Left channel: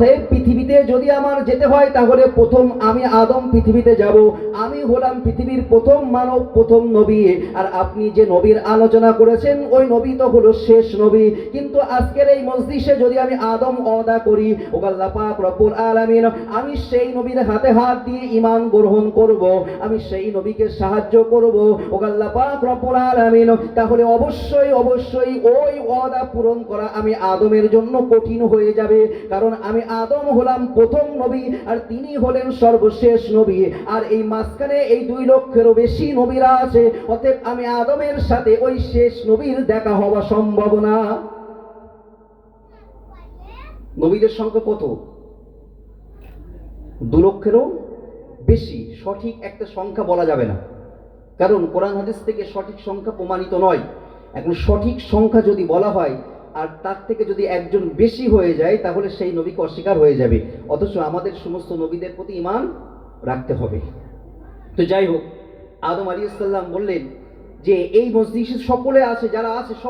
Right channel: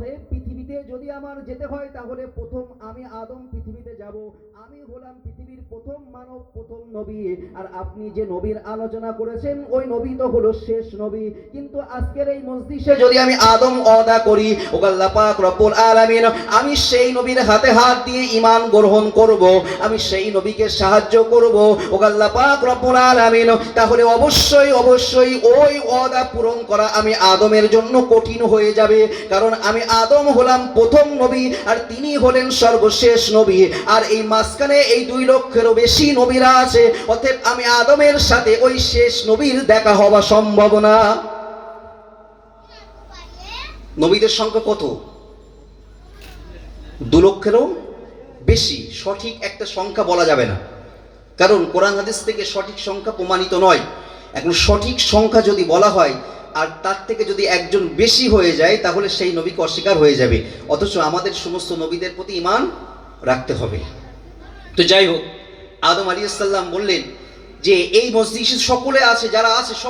অতএব পৃথিবীতে যদি আমার যেতে হয়, তাহলে প্রথম আমি আদম পৃথিবীতে যাব। আমি হলাম পৃথিবীর প্রথম মানব, প্রথম নবী। আর আপনি যে নবীর আলোচনা করেছেন, ওই নবী তো হলো শেষ নবী। কিন্তু আজকের এই মসজিদে যদি আমি আদম অদা করি, ওগাল্লা পাক আলামিন, আমি সেই নবীর হাতে হাত দিয়ে ইমান গ্রহণ করব, আমি সেই নবীকে সাহায্য করব, ওগাল্লা পাক রব্বুল আলামিন, তাহলে অবশ্যই অবশ্যই ওই অদা পূরণ করা আমি আদমের জন্য কঠিন হয়ে যাবে। কারণ আমি আদম হলাম প্রথম নবী, আর তিনি হলেন সর্বশেষ নবী। আর এই মাঝখানে এই দুই লক্ষেরও বেশি নবীরা আছে। অতএব আমি আদমের সাথে ওই শেষ নবীর দেখা হওয়া সম্ভব না। নবীদের সংখ্যা কত? দু লক্ষেরও বেশি। সঠিক একটা সংখ্যা বলা যাবে না। কারণ কোরআন হাদিস থেকে সঠিক সংখ্যা প্রমাণিত নয়। এখন সঠিক সংখ্যা যদি বলা হয় আর তার থেকে যদি একজন বেশি হয়ে যায়, তাহলে সেই নবীকে অস্বীকার হয়ে যাবে। অথচ আমাদের সমস্ত নবীদের প্রতি ইমান রাখতে হবে। তো যাই হোক, আদম আলী বললেন যে, এই মসজিদ সকলে আছে, যারা আছে সব